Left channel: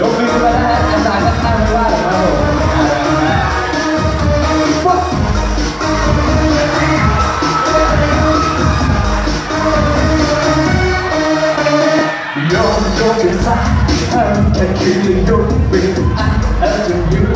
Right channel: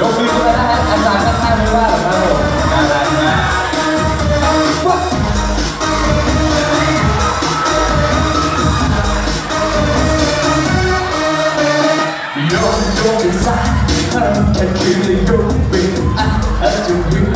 ยกมือขึ้นมาได้ฮะอาจารย์ข้างๆไม่ว่าหรอกครับผมน่ารักมากว้าวยอมยกขึ้นซะห้ามแต่คืนยกมืออะอาจจะยืน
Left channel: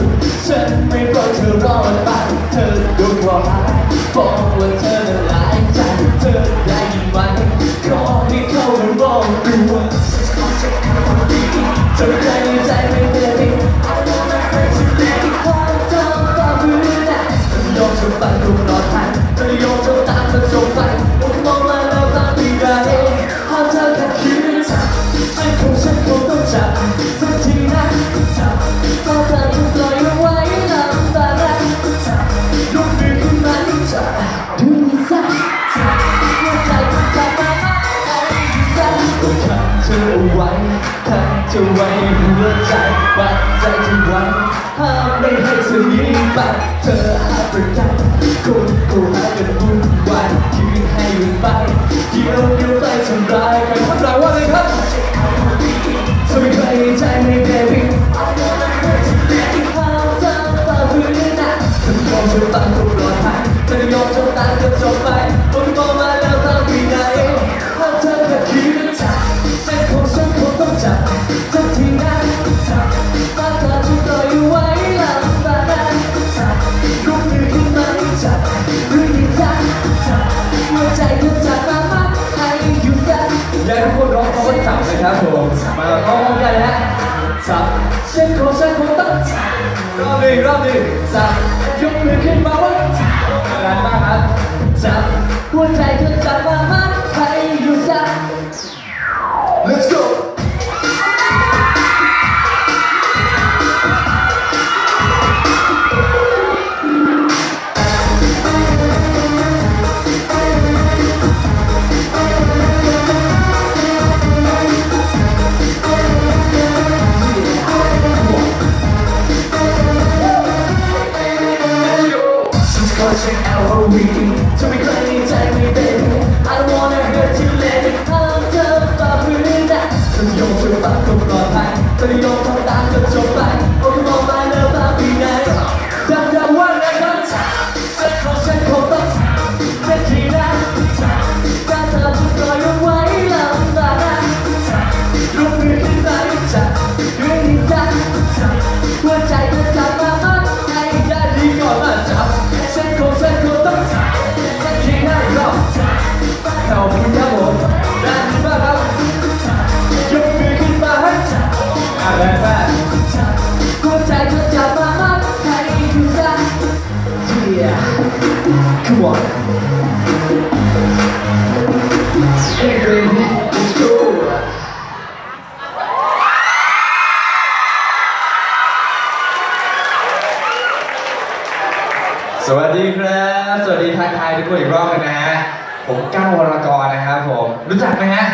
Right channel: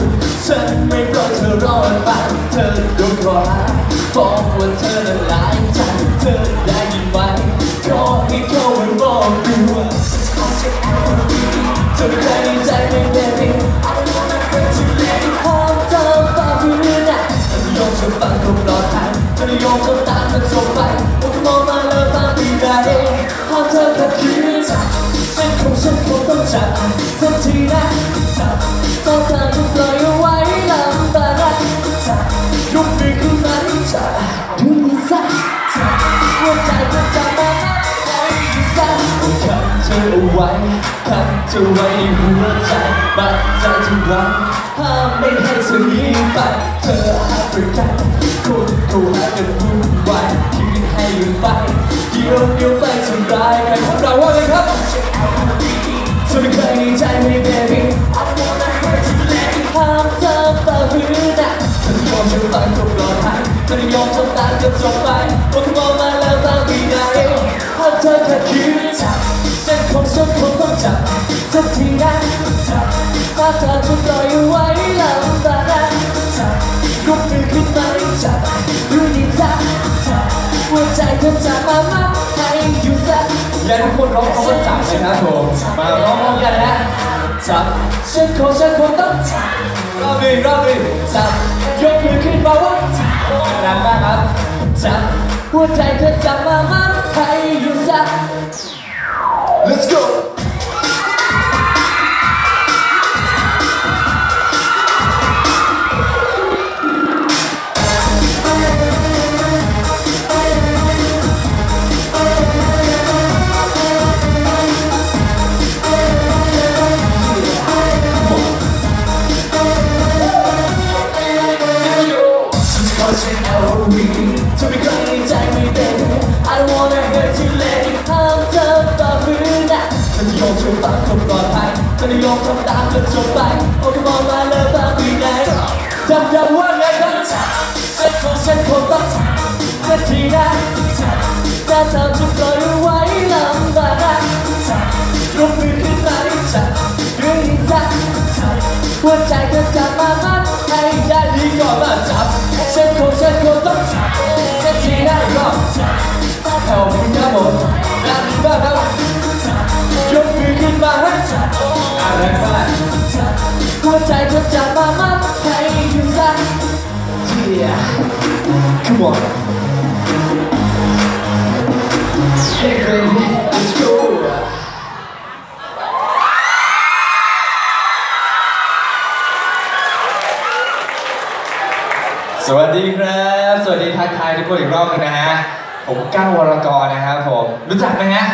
ไว้หัวใจบัดใจจะรักห้ามไม่ให้เธอหนีไปเธอหาประกันคนเขาหากันวุ่นวายชีวิตให้ยู่ไปเดี๋ยวเดียวไปทำร้ายกันครับเราว่าเลยครับเธอไม่เคยใจใน baby I wanna hurt you let it ห้ามเธอต่อพื้นนะฉันยอมฉันตัดทุกรอยทางฉันยอมฉันตัดก็จบไปวันมองมาแล้วบางทีนาเองถ้าเธอแค่คิดจ ป็นของฉันคงต้องจับสักทีนะจับถ้าเธอจะปล่อยไว้หลำบาจับยกมือขึ้นมาจับดูนี่จับจับหัวใจเธอจับมามัดให้อยู่ซะอยากให้ทุกคนร้องคำว่าจับนะครับผมมาร้องพร้อมกันนะจับฉันคงฉันคงต้องจับรอบหนึ่งรอบหนึ่งจับยกมือขึ้นมาว่าจับแรักมากครับจับหัวใจเธอจับมามัดำตามก็จบไปโอ้ย on Hey baby let's go สวัสดีครับสวัสดีทักทายทุกคนอีกรอบหนึงนะฮะ ผมก้าววรกรนะครับผม รู้จักไหมฮะ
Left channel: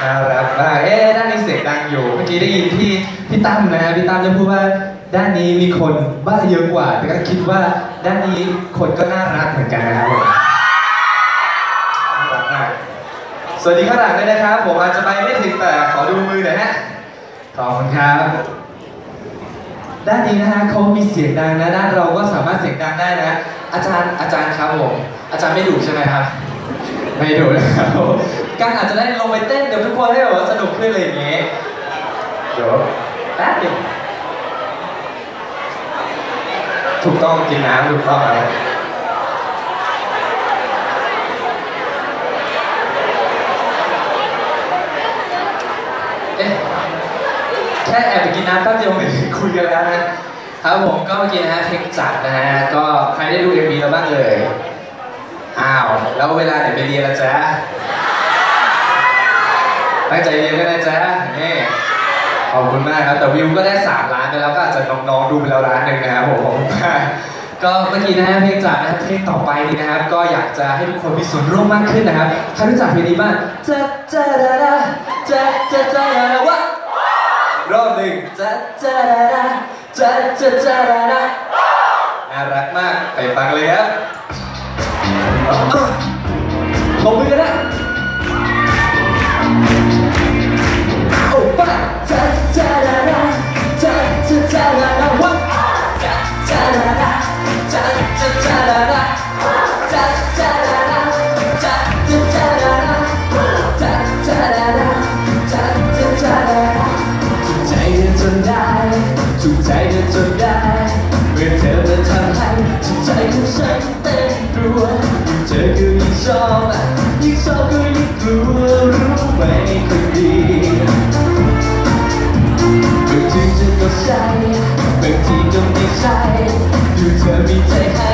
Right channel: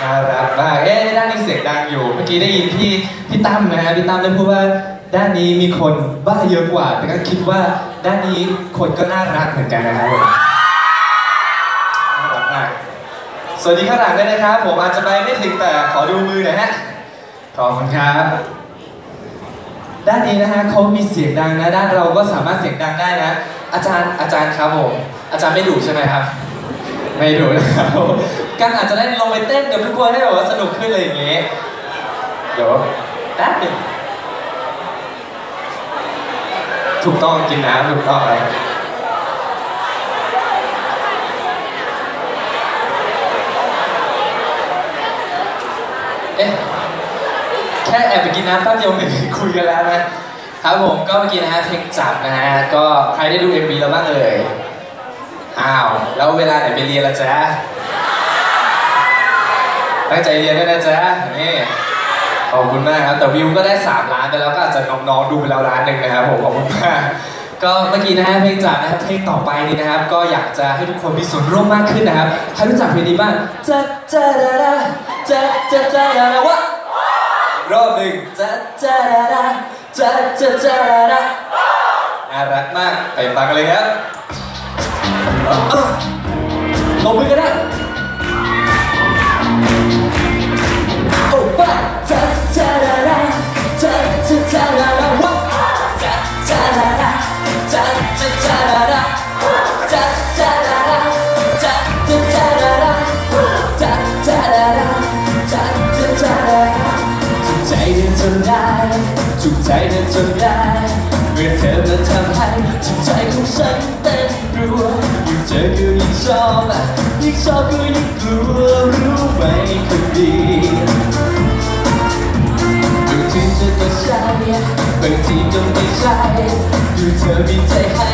น่ารักมากเอ๊ะด้านนี้เสียงดังอยู่ เมื่อกี้ได้ยินพี่พี่ตั้มนะฮะ พี่ตั้มได้พูดว่าด้านนี้มีคนบ้าเยอะกว่า แต่ก็คิดว่า ด้านนี้คนก็น่ารักเหมือนกันนะครับผมน่ารักมากสวัสดีข้างหลังด้วยนะครับ ผมอาจจะไปไม่ถึงแต่ขอดูมือหน่อยฮะขอบคุณครับ ด้านนี้นะฮะเขามีเสียงดังนะ ด้านเราก็สามารถเสียงดังได้นะ อาจารย์อาจารย์ครับผมอาจารย์ไม่ดุใช่ไหมครับ ไม่ดุนะครับผมการอาจจะได้ลงไปเต้นกับทุกคนให้แบบว่าสนุกขึ้นเลยอย่างงี้เดี๋ยวแป๊บนึง ถูกต้องกินน้ำถูกต้องอะไรเอ๊ะแค่แอบไปกินน้ำแป๊บเดียวเหมือนคุยกันแล้วนะครับผมก็เมื่อกี้นะฮะเพลงจับนะฮะก็ใครได้ดู MV แล้วบ้างเอ่ยอ้าว แล้วเวลาไหนไปเรียนละจ๊ะตั้งใจเรียนด้วยนะจ๊ะนี่ ขอบคุณมากครับ แต่วิวก็ได้ 3 ล้านไปแล้วก็อาจจะน้องๆดูไปแล้วล้านหนึ่งนะครับผมขอบคุณมากก็เมื่อกี้นะฮะเพลงจับนะครับเพลงต่อไปนี้นะครับ ก็อยากจะให้ทุกคนมีส่วนร่วมมากขึ้นนะครับใครรู้จักเพลงนี้บ้างจ๊ะจ๊ะดาดาจ๊ะจะจ๊ะดาดาวะรอบหนึ่งจ้าจ้าดาจ้าจ้าจ้าดาน่ารักมากไปฟังเลยครับเอาเอาลงมือกันน รู้รู้ไปทุกทีบางทีจะก็ใช่บางทีก็ไม่ใช่อยู่เธอมีใจให้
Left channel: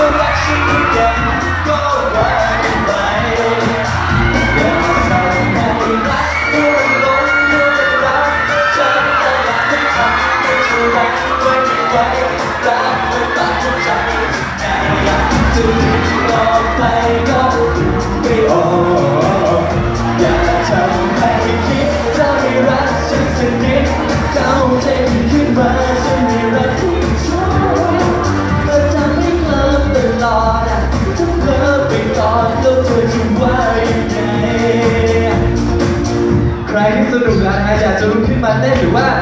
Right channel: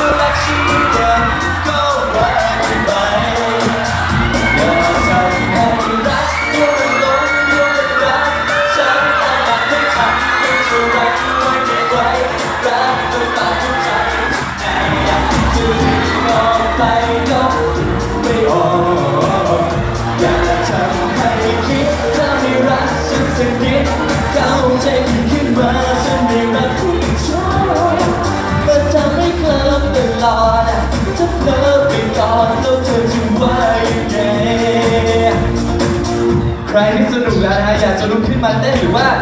We'll até filmar?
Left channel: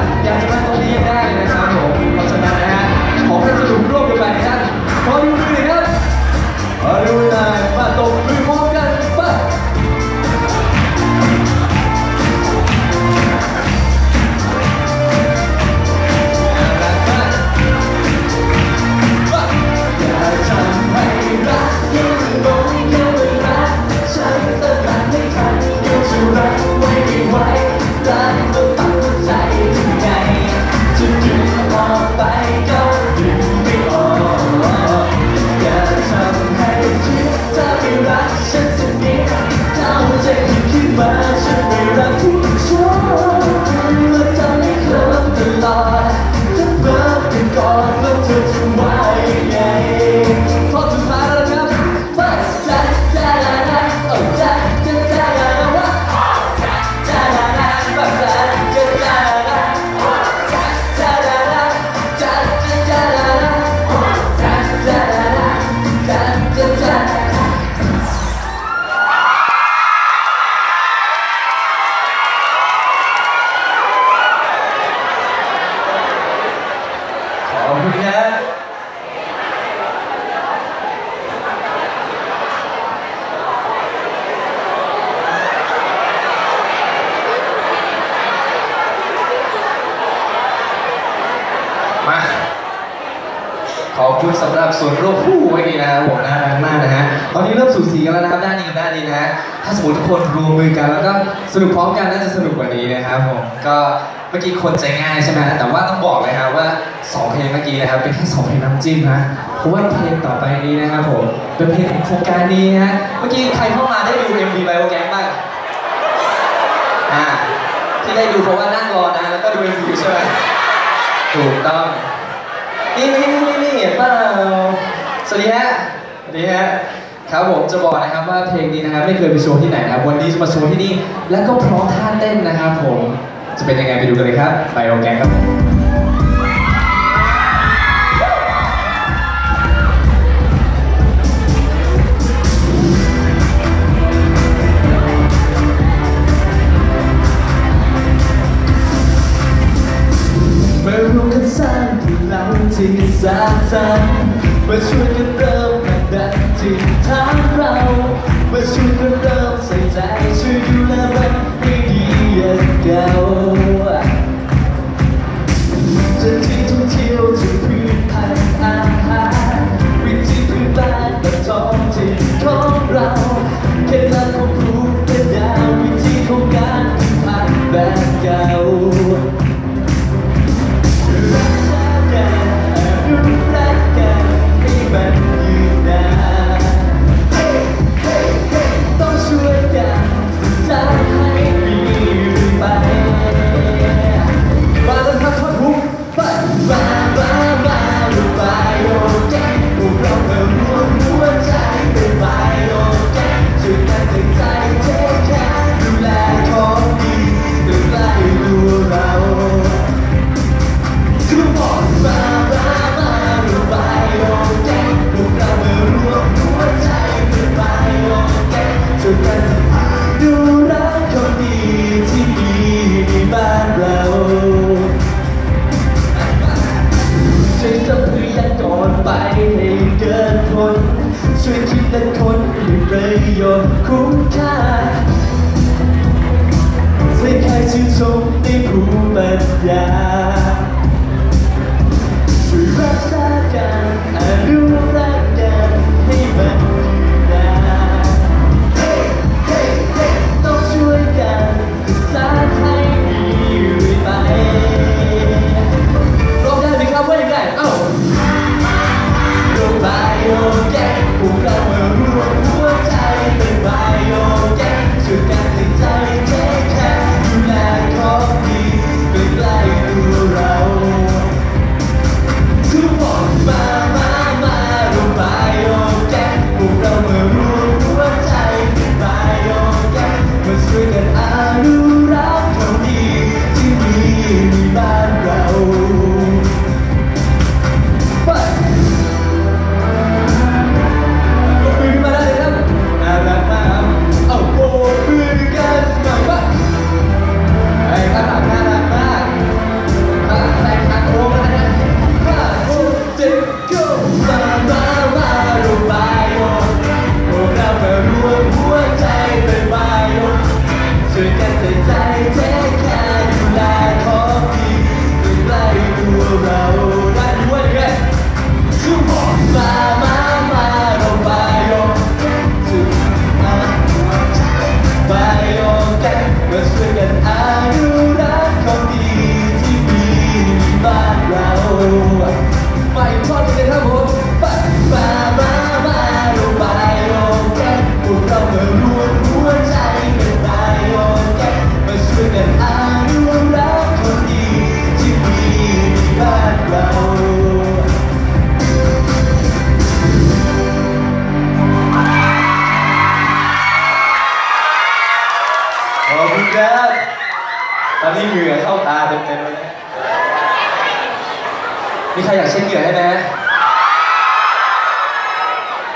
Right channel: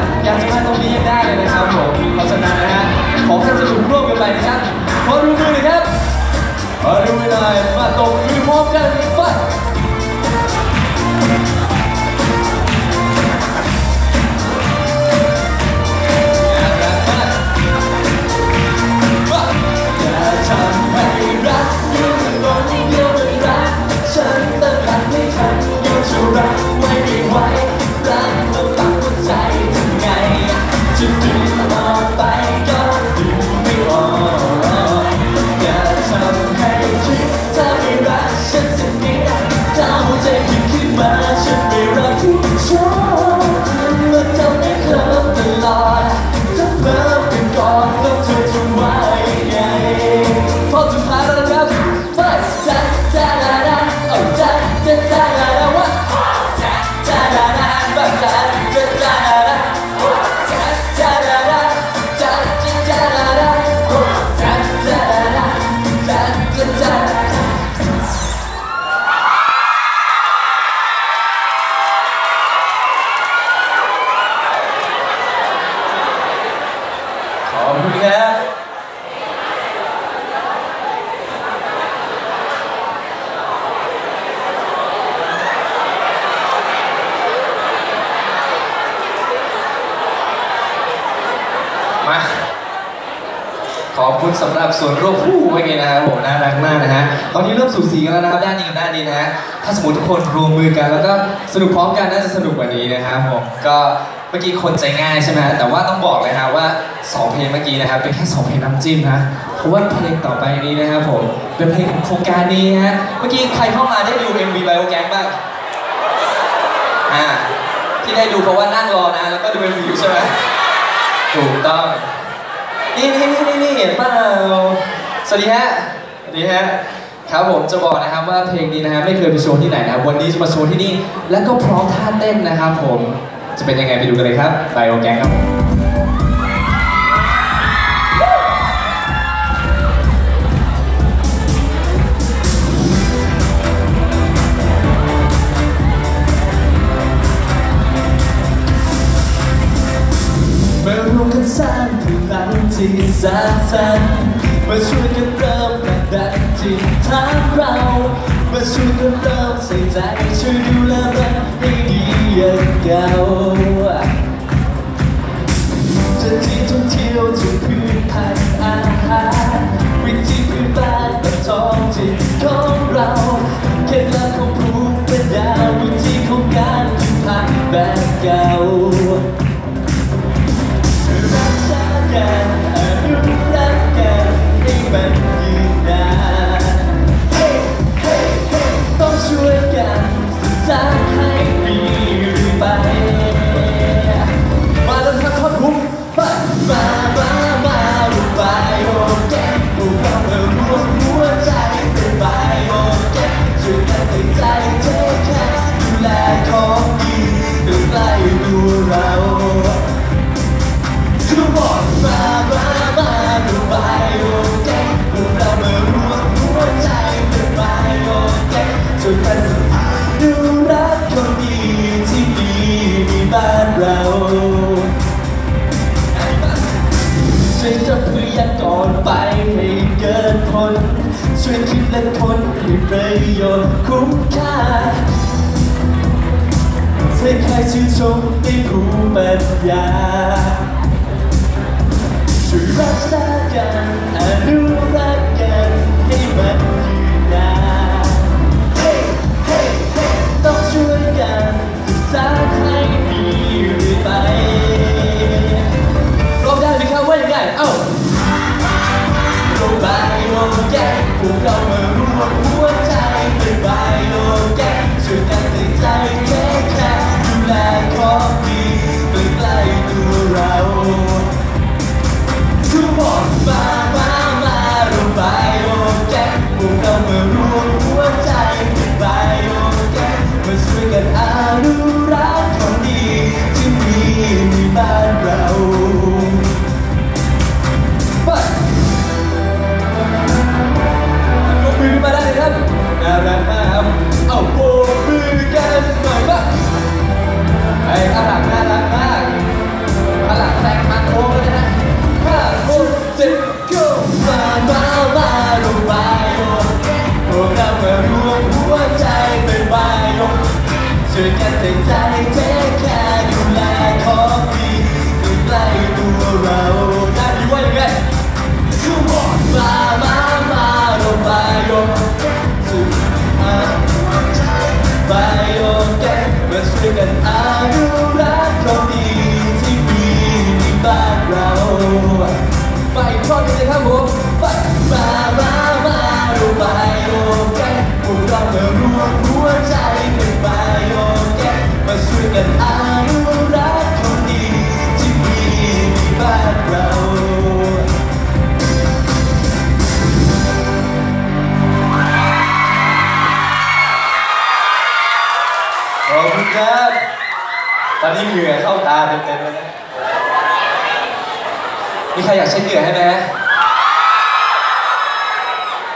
ส่วนโรคผู้เป็นไงนะครับผมน่ารักมากนะฮะตอนนี้เริ่มสูสีกันแล้วนะครับด้านนี้กับด้านนี้นะฮะถ้าสมมติทุกคนรวมมือกัน แล้วก็สนุกพร้อมกันน่าจะสนุกกว่านี้นะครับผมก็เมื่อกี้คนใจง่ายใช่ไหมแต่ว่าต้องบอกเลยฮะว่าสองเพลงเมื่อกี้นะครับเป็นแค่สองเพลงน้ำจิ้มนะเพราะว่าเพลงต่อไปนี้นะครับผมเป็นเพลงของโครงการนี้ฮะเมื่อกี้ใครเข้ามาได้ดู MV ไบโอแกรมบ้างอ่าที่ได้ดูเพราะว่านั่งรอนะแล้วก็ดู MV ใช่ไหมถูกต้อง นี่นี่นี่นี่นี่เห็เปล่าสวัสดีฮะสวัสดีฮะครับผมจะบอกนะครับว่าเพลงนี้นะครับไม่เคยไปโชว์ที่ไหนนะครับวันนี้จะมาโชว์ที่นี่ แล้วก็พร้อมท่าเต้นนะครับผมจะเป็นยังไงไปดูกันเลยครับไปโอแกงครับผม piano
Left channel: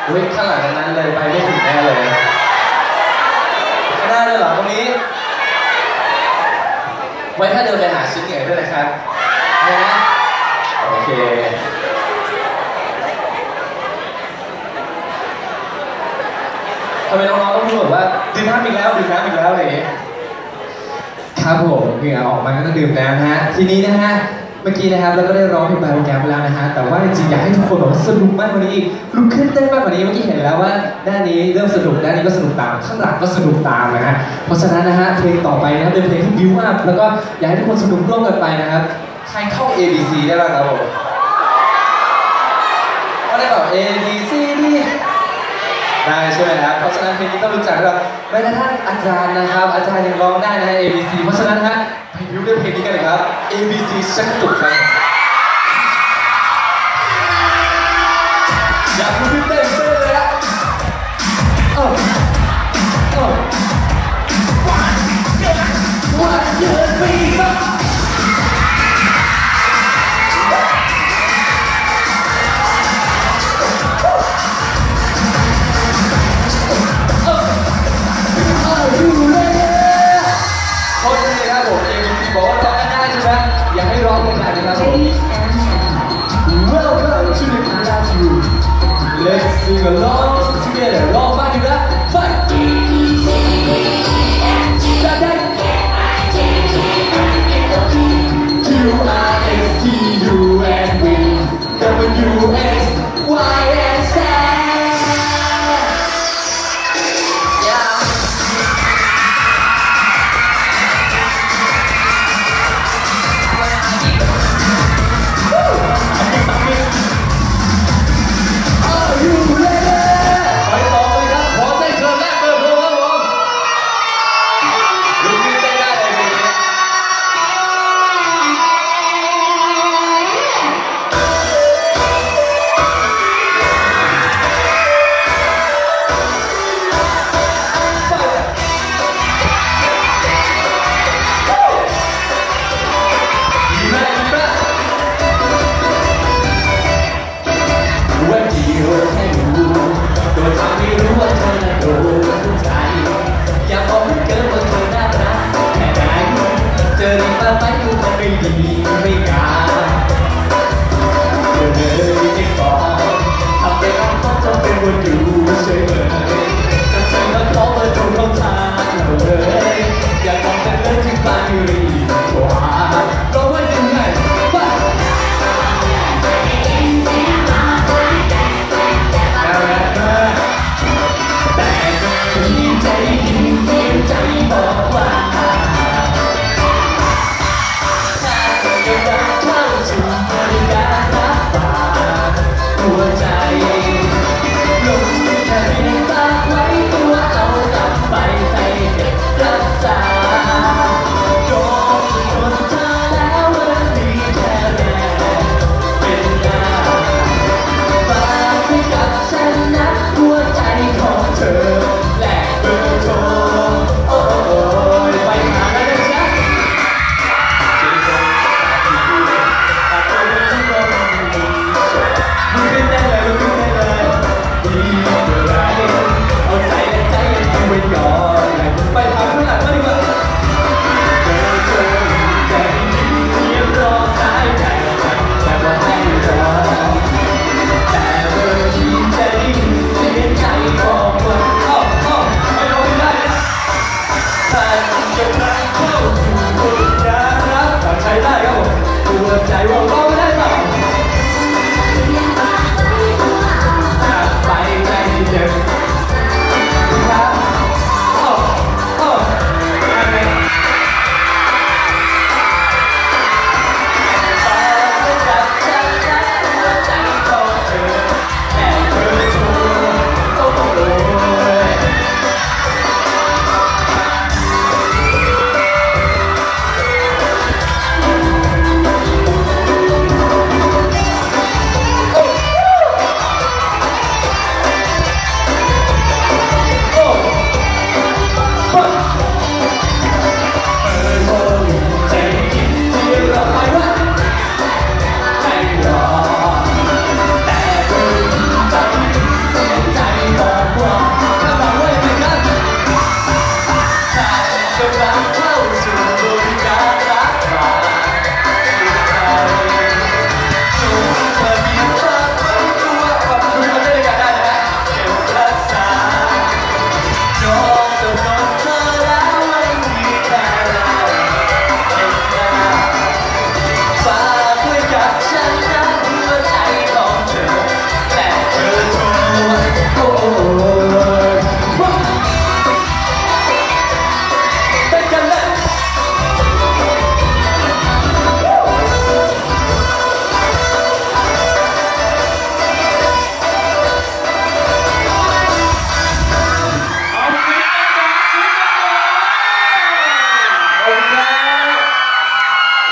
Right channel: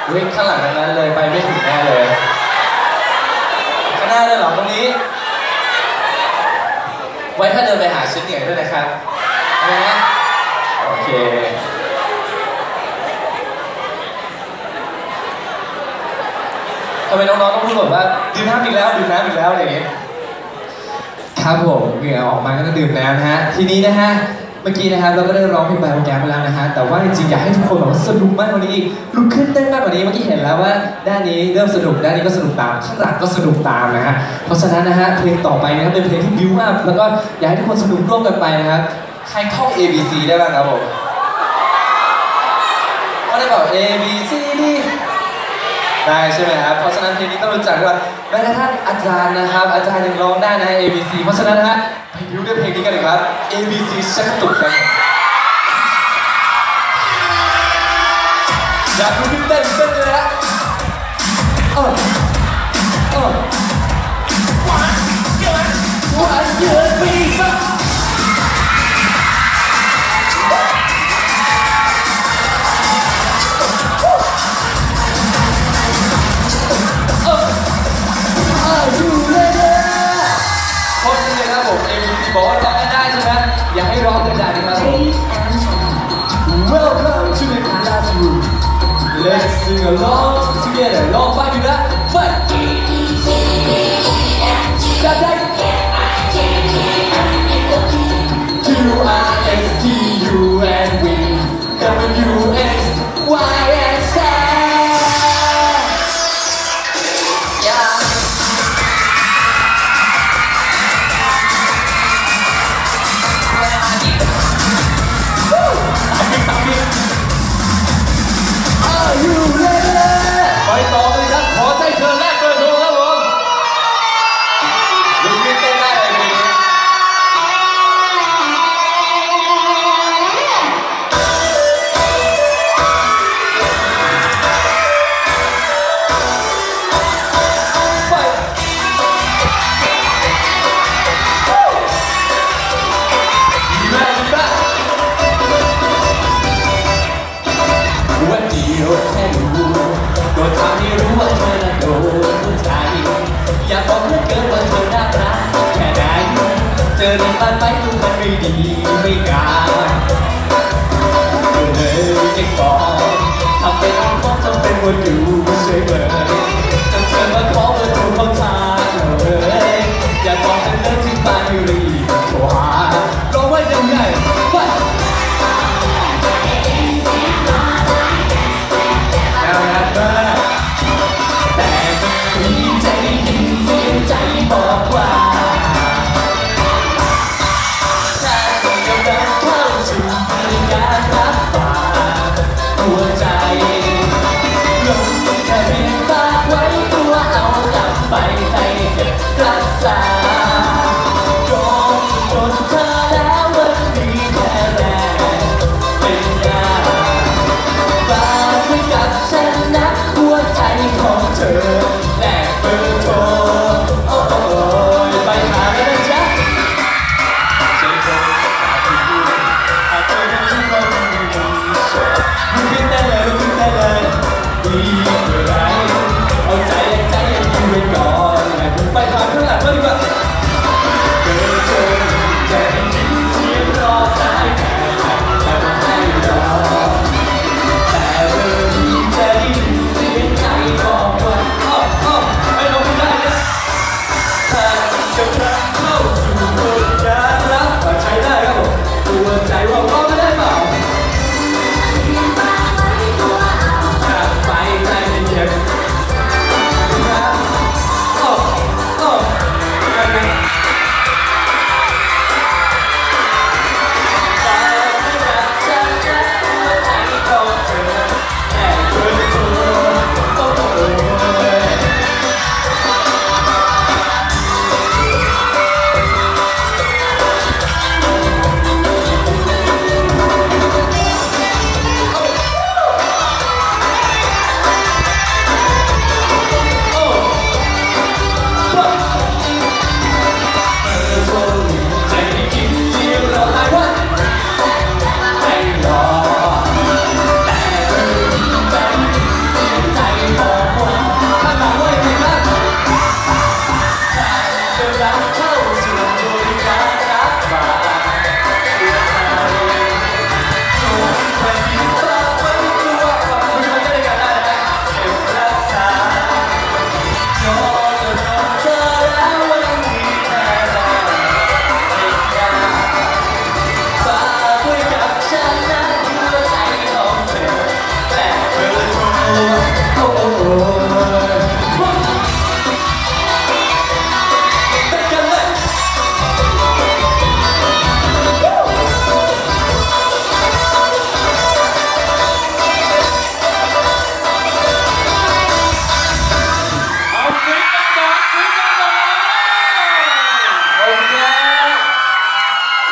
อุ้ยข้างหลังทั้งนั้นเลยไปไม่ถึงแน่เลยข้างหน้าเลยเหรอตรงนี้ ไว้ถ้าเดินไปหาเช็ดเหงื่อด้วยนะครับนะโอเคทำไมน้องๆต้องพูดหมดว่าดื่มน้ำอีกแล้วดื่มน้ำอีกแล้วอะไรอย่างเงี้ยครับผมเหงื่อออกมาก็ต้องดื่มแล้วนะฮะ ทีนี้นะฮะ เมื่อกี้นะครับเราก็ได้ร้องเพลงไบโอแกรมไปแล้วนะฮะแต่ว่าจริงๆอยากให้ทุกคนแบบว่าสนุกมากกว่านี้อีกลุกขึ้นเต้นมากกว่านี้เมื่อกี้เห็นแล้วว่าด้านนี้เริ่มสนุกด้านนี้ก็สนุกตามข้างหลังก็สนุกตามนะฮะเพราะฉะนั้นนะฮะเพลงต่อไปนะฮะเป็นเพลงที่บิวอัพแล้วก็อยากให้ทุกคนสนุกร่วมกันไปนะครับใครเข้า A B C ได้บ้างครับผมก็ได้แบบ A B C D ได้ใช่ไหมครับเพราะฉะนั้นเพลงนี้ต้องรู้จักว่าแม้กระทั่งอาจารย์นะครับ อาจารย์ยังร้องได้นะฮะ A B C เพราะฉะนั้นนะฮะ unit heading का regard ABC शक्ति उत्पन्न या कुछ इतना इतना दे रहा। ओ ओ one year one year we got Are you ready? ABC บอกว่าร้องกันได้ใช่ไหมอยากให้ร้องกันได้นะครับผม Welcome to the classroom Let's sing along together ร้องบ้างอยู่แล้ว ดีไม่กาเธอไม่ปออาจจะต้องต้องจำเป็นว่าอยู่เฉยเลยจเป็นว่าขอเธอจเข้าใจเลยอยากบอกฉันเรื่องที่บ้นอยู่ในอี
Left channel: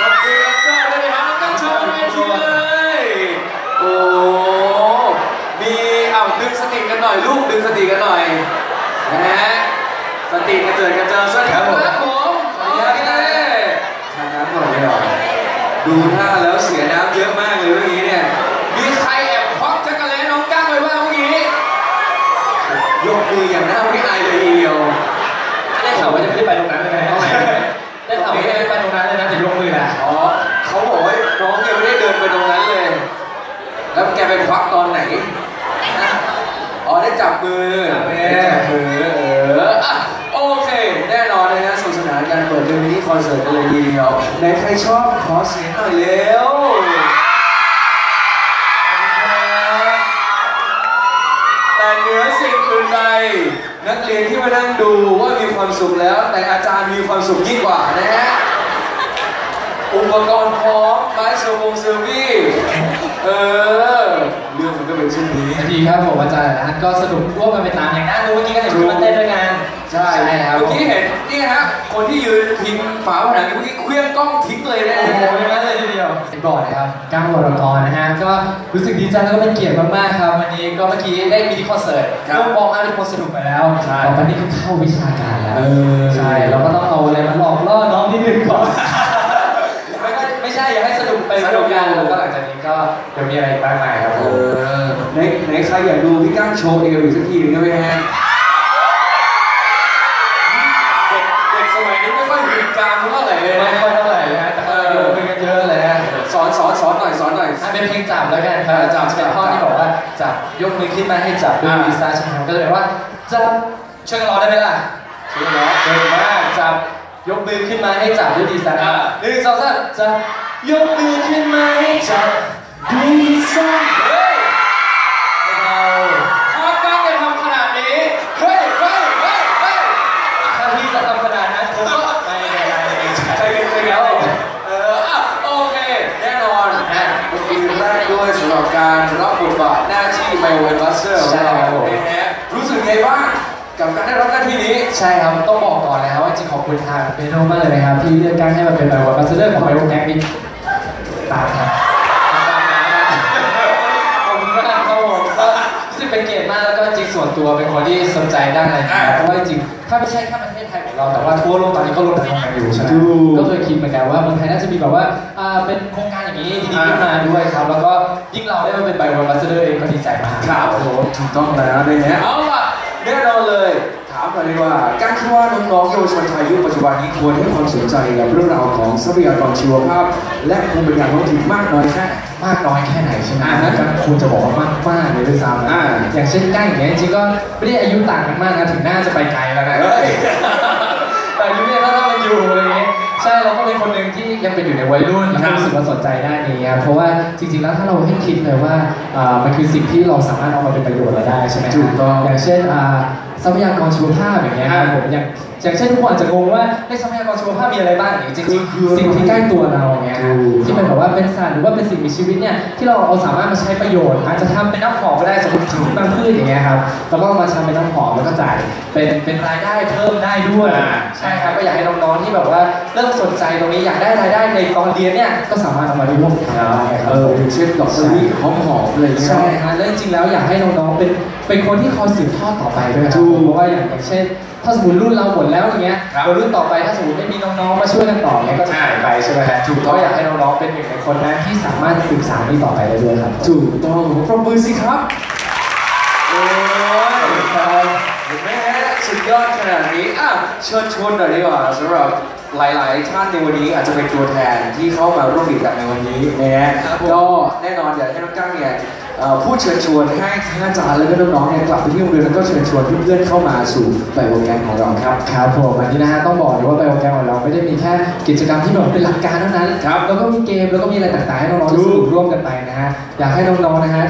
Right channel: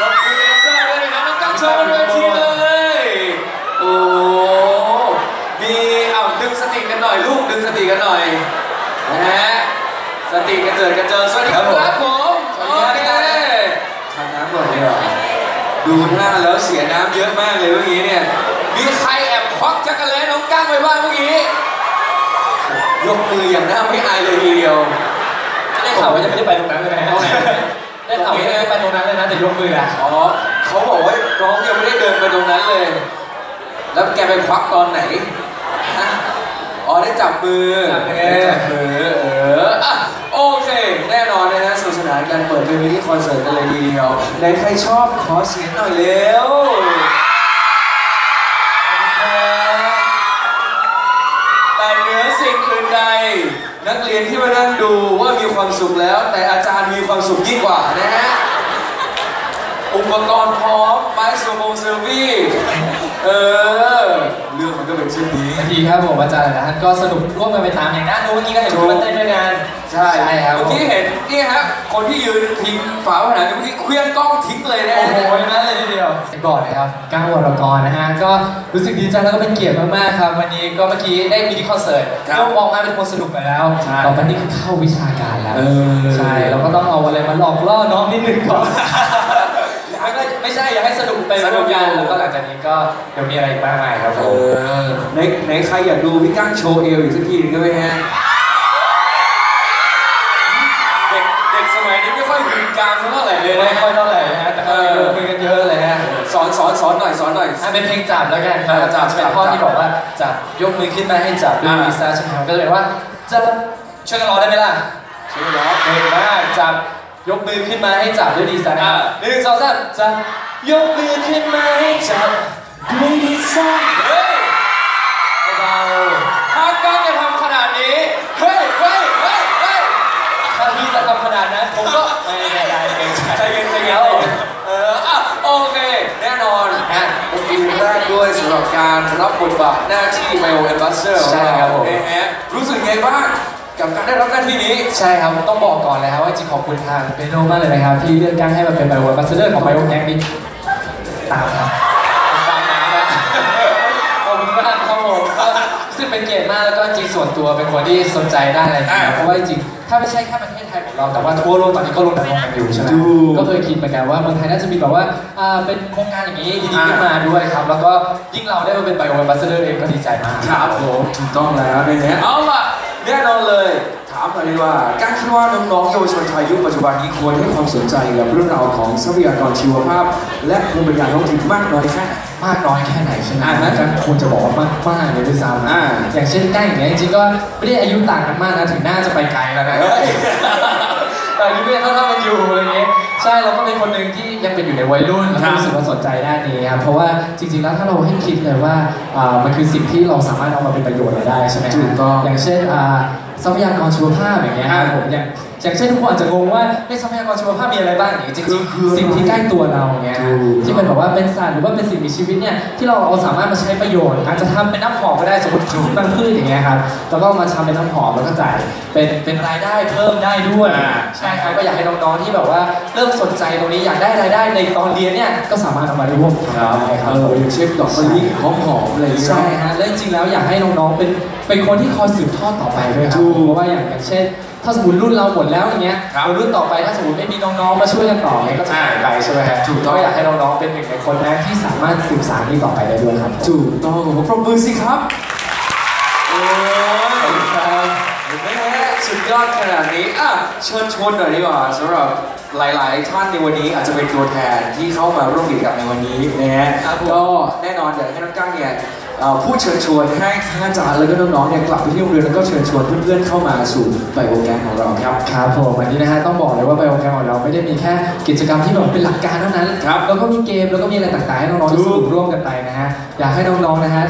รบเซยนะครับก็โชว์เทีเลย โอ้มีเอ้าดึงสติกันหน่อยลูกดึงสติกันหน่อยนะฮะสติกระเจิดกระเจิงสวัสดีครับผมสวัสดีครับทานน้ำหมดเลยเหรอดูหน้าแล้วเสียน้ำเยอะมากเลยเมื่อกี้เนี่ยมีใครแอบควักจักรเลยน้องก้างไปบ้างเมื่อกี้ยกมืออย่างน่าไม่อายเลยทีเดียวได้ข่าวว่าจะไม่ได้ไปตรงนั้น กมืออะอ๋อเขาบอกว่าน้องยังไม่ได้เดินไปตรงนั้นเลย แล้วแกไปควักตอนไหนอ๋อได้จับมือได้จับมือเอออะโอเค แน่นอนนะฮะสนุกสนานกันเปิดเป็นมินิคอนเสิร์ตกันเลยทีเดียวในใครชอบขอเสียงหน่อยเร็วแต่เหนือสิ่งอื่นใด นักเรียนที่มานั่งดูว่ามีความสุขแล้ว แต่อาจารย์มีความสุขยิ่งกว่านะฮะ อุปกรณ์พร้อมไม้เซอร์โมงเซอร์วี่เออ เรื่องมันก็เป็นเช่นนี้บางทีครับผมอาจารย์นะก็สนุกร่วมกันไปตามอย่างนั้นเมื่อกี้ก็เห็นคุณเต้นด้วยกันใช่ใช่ครับเมื่อกี้เห็นนี่ฮะคนที่ยืนพิงฝาผนังเมื่อกี้เคลื่อนกล้องทิ้งเลยนะโอ้โหอย่างนั้นเลยทีเดียวบอกนะครับก้าววรกรนะฮะก็รู้สึกดีใจแล้วก็เป็นเกียรติมากๆครับวันนี้ก็เมื่อกี้ได้มินิคอนเสิร์ตเริ่มมองมาเป็นคนสนุกไปแล้วต่อไปนี่ก็เข้าวิชาการแล้วเออใช่เราก็ต้องเอาอะไรมาหลอกล่อน้องนิดนึงก่อน ไม่ก็ไม่ใช่อยากให้สนุกไปสนุกกันแล้วก็หลังจากนี้ก็เดี๋ยวมีอะไรอีกบ้างไหมครับผเอมอไหนไหนใครอยากดูพี่ก้งโชว์เอวอีกสักทีหนึงได้ไหมฮะเด็กเด็กสมัยนี้ไม่ค่อยถึงกางเท่าไหร่เลยไม่นะค่อยเท่าไหร่นะแต่ก็คุยกันเยอะเลยนะสอนสอนสอนหน่อยสอนหน่อยอะเป็นเพลงจับแล้วกันครับจัจับบเป็นข้อที่บอกว่าจับยกมือขึ้นมาให้จับด้วยอ่าวีซ่าใช่ไหมครับก็เลยว่าจับช่วยกันร้องได้ไหมล่ะช่ไหมนะเก่งมากจับยกมือขึ้นมาให้จับด้วยดีไซน์อ่าหนึ่งสองสามจับ ยกมือขึ้นมาให้จับด้วยดีซน์เฮ้ยเบาถ้าก้างจะทำขนาดนี้ เฮ้ยเฮ้ยเฮ้ยเฮ้ยถ้าพี่จะทำขนาดนั้นผมก็ไม่ไม่ไม่ไม่ใช่ใจเย็นใจเย็นเอออะโอเค แน่นอนฮะเมื่อกี้แรกด้วยสำหรับการรับบทบาทหน้าที่ไมโอเวนบัสเซอร์ของเรานะฮะรู้สึกไงบ้างกับการได้รับหน้าที่นี้ ใช่ครับ ต้องบอกก่อนเลยครับว่าจริงขอบคุณทางเป็นโนมากเลยนะครับ ที่เลือกการให้มาเป็นไบโอบัสเซอร์ของไบโอแกนนี่ ส่วนตัวเป็นคนที่สนใจด้านอะไรนะเพราะว่าจริงถ้าไม่ใช่แค่ประเทศไทยของเราแต่ว่าทั่วโลกตอนนี้ก็รณรงค์กันอยู่ใช่ไหมถูกก็เคยคิดเหมือนกันว่าเมืองไทยน่าจะมีแบบว่าอ่าเป็นโครงการอย่างนี้ดีๆขึ้นมาด้วยครับ แล้วก็ยิ่งเราได้มาเป็นไบโอบัสเซอร์เองก็ดีใจมากครับผมถูกต้องแล้วนะฮะเอาล่ะแน่นอนเลย ถามหน่อยดีกว่าการคิดว่าน้องๆเยาวชนไทยยุคปัจจุบันนี้ควรให้ความสนใจกับเรื่องราวของทรัพยากรชีวภาพ และภูมิปัญญาท้องถิ่นมากน้อยแค่ไหนมากน้อยแค่ไหนใช่ไหมอ่าน่าจะควรจะบอกว่ามากมากๆเลยด้วยซ้ำนะอ่าอย่างเช่นก้างอย่างเงี้ยจริงๆก็ไม่ได้อายุต่างกันมากนะถึงน่าจะไปไกลแล้วนะเฮ้ยแต่อายุเนี่ยก็เท่ากันอยู่อะไรเงี้ย ใช่เราก็เป็นคนหนึ่งที่ยังเป็นอยู่ในวัยรุ่นแล้วก็รู้สึกว่าสนใจด้านนี้ครับเพราะว่าจริงๆแล้วถ้าเราให้คิดเลยว่าอ่ามันคือสิ่งที่เราสามารถเอามาเป็นประโยชน์อะไรได้ใช่ไหมถูกต้องอย่างเช่นอ่าทรัพยากรชีวภาพอย่างเงี้ยครับผมอย่าง อย่างเช่นทุกคนอาจจะงงว่าในทรัพยากรชีวภาพมีอะไรบ้างอย่างเงี้ยจริงคือๆสิ่งที่ใกล้ตัวเราเงี้ยถูกที่เป็นแบบว่าเป็นสัตว์หรือว่าเป็นสิ่งมีชีวิตเนี่ยที่เราเอาสามารถมาใช้ประโยชน์อาจจะทำเป็นน้ำหอมก็ได้สมมติบางพืชอย่างเงี้ยครับแล้วก็เอามาทำเป็นน้ำหอมแล้วก็จ่ายเป็นเป็นรายได้เพิ่มได้ด้วยอ่าใช่ครับก็อยากให้น้องๆที่แบบว่าเริ่มสนใจตรงนี้อยากได้รายได้ในตอนเรียนเนี่ยก็สามารถเอามาร่วมทำได้ครัเอบออย่างเช่นดอกมะลิหอมๆอะไรอย่างเงี้ยใช่ฮะแล้วจริงๆแล้วอยากให้น้องๆเป็นเป็นคนที่คอยสืบทอดต่อไปด้วยครัถูบกเพราะว่าอย่างอย่างเช่น ถ้าสมมติรุ่นเราหมดแล้วอย่างเงี้ยครับรุ่นต่อไปถ้าสมมติไม่มีน้องๆมาช่วยกันต่อเนี่ยก็จะหายไปใช่ไหมฮะถูกต้องก็อยากให้น้องๆเป็นหนึ่งในคนนั้นที่สามารถสืบสานนี้ต่อไปได้ด้วยครับถูกต้องผมปรบมือสิครับโอ้ยครับเห็นไหมฮะสุดยอดขนาดนี้อะเชิญชวนหน่อยดีกว่าสำหรับหลายๆท่านในวันนี้อาจจะเป็นตัวแทนที่เข้ามาร่วมกิจกรรมในวันนี้นะฮะครับผม ก็แน่นอนอยากให้น้องก้างเนี่ย เอ่อพูดเชิญชวนให้ทั้งอาจารย์แล้วก็น้องๆเนี่ยกลับไปที่โรงเรียนแล้วก็เชิญชวนเพื่อนๆเข้ามาสู่ไบโอแกมของเราครับครับผมอันนี้นะฮะต้องบอกเลยว่าไบโอแกมของเราไม่ได้มีแค่กิจกรรมที่แบบเป็นหลักการเท่านั้นครับแล้วก็มีเกมแล้วก็มีอะไรต่างๆให้น้องๆได้สนุกร่วมกันไปนะฮะอยากให้น้องๆนะฮะ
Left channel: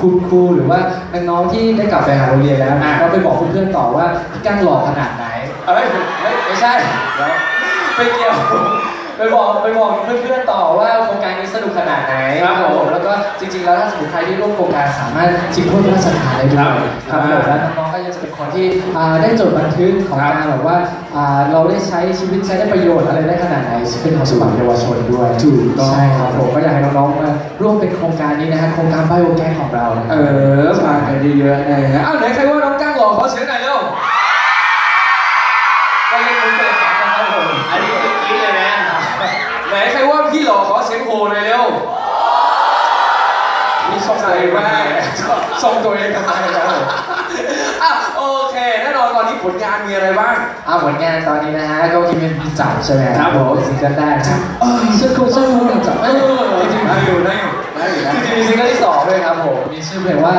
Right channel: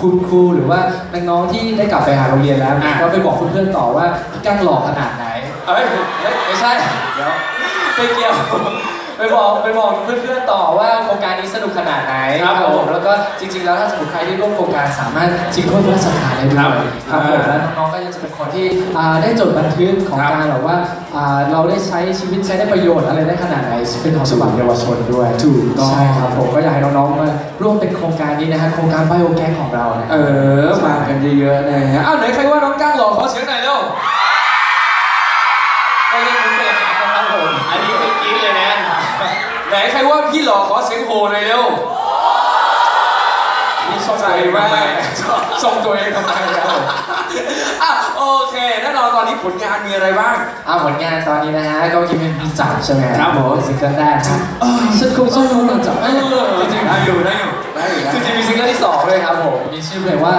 คุณครูหรือว่าน้องๆที่ได้กลับไปหาโรงเรียนแล้วก็ไปบอกเพื่อนๆต่อว่าพี่ก้งหล่อขนาดไหนเอ้ยไม่ใช่เดี๋ยวไม่เกี่ยว ไปบอกไปบอกเพื่อนๆต่อว่าโครงการนี้สนุกขนาดไหนครับผมแล้วก็จริง ๆ แล้วถ้าสมมติใครที่ร่วมโครงการสามารถชิงถ้วยพระราชทานได้ด้วยครับครับผมแล้วน้องๆก็ก็จะเป็นคนที่อ่าได้จดบันทึกของการแบบว่าอ่าเราได้ใช้ชีวิตใช้ได้ประโยชน์อะไรได้ขนาดไหนเป็นของฉบับเยาวชนด้วยถูกต้องใช่ครับผมก็อยากให้น้องๆมาร่วมเป็นโครงการนี้นะฮะโครงการไบโอแกของเรานะเออมากันเยอะๆนะฮะอ้าวไหนใครว่าน้องก้างหล่อขอเสียงหน่อยเร็วก็เล่นมุกเปิดหนังนะครับผมอันนี้เป็นกิ๊เลยนะ ไหนใครว่าพี่หล่อขอเสียงโหหน่อยเร็วนี่ชอบใจมากส่งตัวเองทำไมครับผมอะโอเคแน่นอนตอนนี้ผลงานมีอะไรบ้างอ่าผลงานตอนนี้นะฮะก็ยังเป็นมีจับใช่ไหมครับผมซิงเกิลแรกครับฉันคงฉันคงหลังจับเออจริงๆได้อยู่ได้อยู่ได้อยู่ได้จริงๆมีซิงเกิลที่สองด้วยครับผมมีชื่อเพลงว่า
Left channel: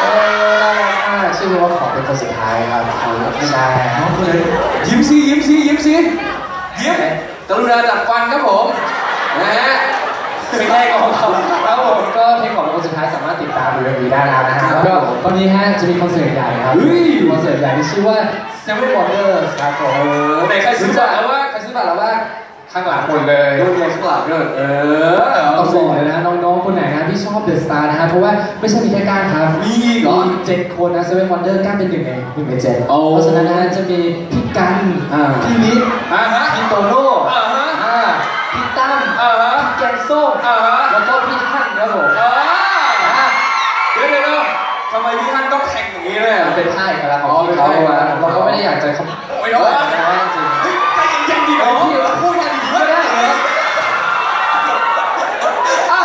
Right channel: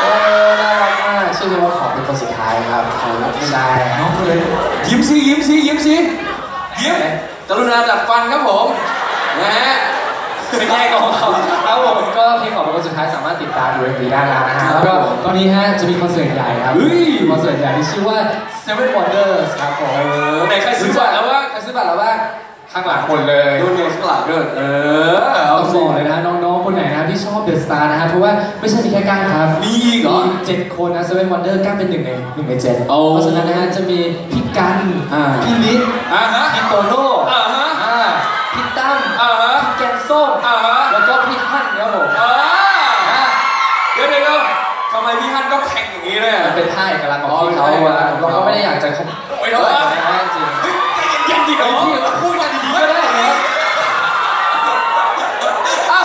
เออน่ารักมากชื่อเพลงว่าขอเป็นคนสุดท้ายครับใช่น้องคนเลยยิ้มสิยิ้มสิยิ้มสิยิ้ม กรุณาดัดฟันครับผมนะฮะไม่ใช่ของเขาครับผมก็เพลงขอเป็นคนสุดท้ายสามารถติดตามดูเอ็มวีได้แล้วนะฮะครับแล้วก็ตอนนี้ฮะจะมีคอนเสิร์ตใหญ่ครับเฮ้ยคอนเสิร์ตใหญ่ที่ชื่อว่า Seven Wonders ครับผมเออไหนใครซื้อบัตรแล้ววะใครซื้อบัตรแล้วบ้าง ข้างหลังหมดเลยดูเมียข้างหลังด้วยเออต้องบอกเลยนะน้องๆคนไหนนะที่ชอบเดอะสตาร์นะฮะเพราะว่าไม่ใช่มีแค่ก้านครับมีอีกเหรอเจ็ดคนนะเซเว่นวันเดอร์ก้านเป็นหนึ่งในหนึ่งในเจ็ดโอ้เพราะฉะนั้นนะฮะจะมีพี่กันอ่าพี่ลิศอ่าฮะพี่โตโน่อ่าฮะอ่าพี่ตั้มอ่าฮะพี่แกงส้มอ่าฮะแล้วก็พี่ฮั่นครับผมอ่าอ่าเดี๋ยวเดี๋ยวเดี๋ยวทำไมพี่ท่านต้องแข่งอย่างนี้เนี่ยมันเป็นท่าเอกลักษณ์ของอ๋อพี่เขาเป็นท่าอะเอกลักษณ์เราก็ไม่ได้อยากจะขโมไม่ยต้องแต่ว่าจริงใจเย็นๆดิน้อง พี่พูดมาดีๆก็ได้นะ อะ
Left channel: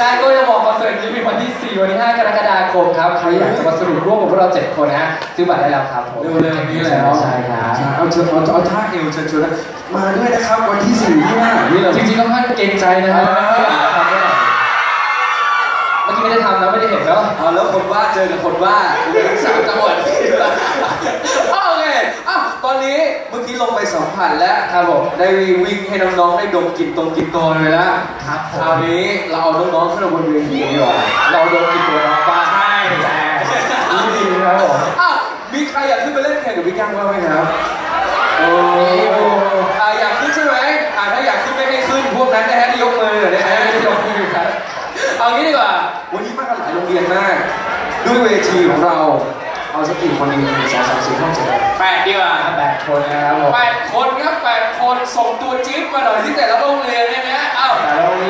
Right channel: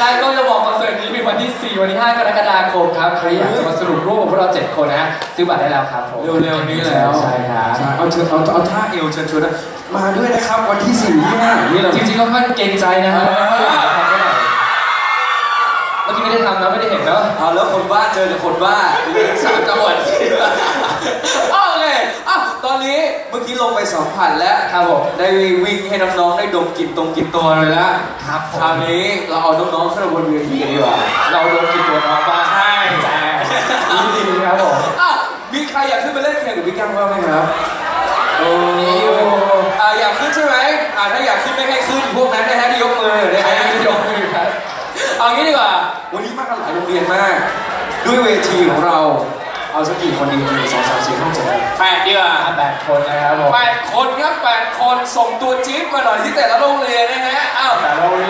ใช่ก็จะบอกคอนเสิร์ตนี้มีวันที่ 4 วันที่ 5 กรกฎาคมครับ ใครอยากจะมาสรุปร่วมกับพวกเรา 7 คนนะซื้อบัตรได้แล้วครับผมเร็วๆนี้แล้วใช่ครับเอาเชิญเอาเอาท่าเอวเชิญชวนนะมาด้วยนะครับวันที่สี่ที่ห้านี่แหละจริงๆก็ค่อนเกรงใจนะฮะเออไม่อยากจะทำด้วยเมื่อกี้ไม่ได้ทำนะไม่ได้เห็นเนาะเอาแล้วคนบ้าเจอกับคนบ้าเหลือสามจังหวัดสิโอเคอะ ตอนนี้เมื่อกี้ลงไปสัมผัสแล้วครับผมได้วิ่งให้น้องๆได้ดมกลิ่นตรงกลิ่นตัวเลยแล้วครับผคราวมนี้เราเอาน้องๆขึ้นมาบนเวทีกันดีกว่าเราโดนกินตัวน้องบ้างใช่แจ้ดีๆครับผมอะมีใครอยากขึ้นไปเล่นแข่งกับพี่กั้งบ้างไหมครับโอ้โอ้อะอยากขึ้นใช่ไหมอะถ้าอยากขึ้นไม่ให้ขึ้นพวกนั้นนะฮะที่ยกมือนะฮะยกมือครับเอางี้ดีกว่าวันนี้มากันหลายโรงเรียนมาก ด้วยเวทีของเรา เอาสักกี่คนดีหนึ่งสองสามสี่ห้าเจ็ดแปดดีกว่าแปดคนนะครับผมแปดคนครับแปดคนส่งตัวจี๊ดมาหน่อยที่แต่ละโรงเรียนนะฮะอ้าวแต่เราเรียน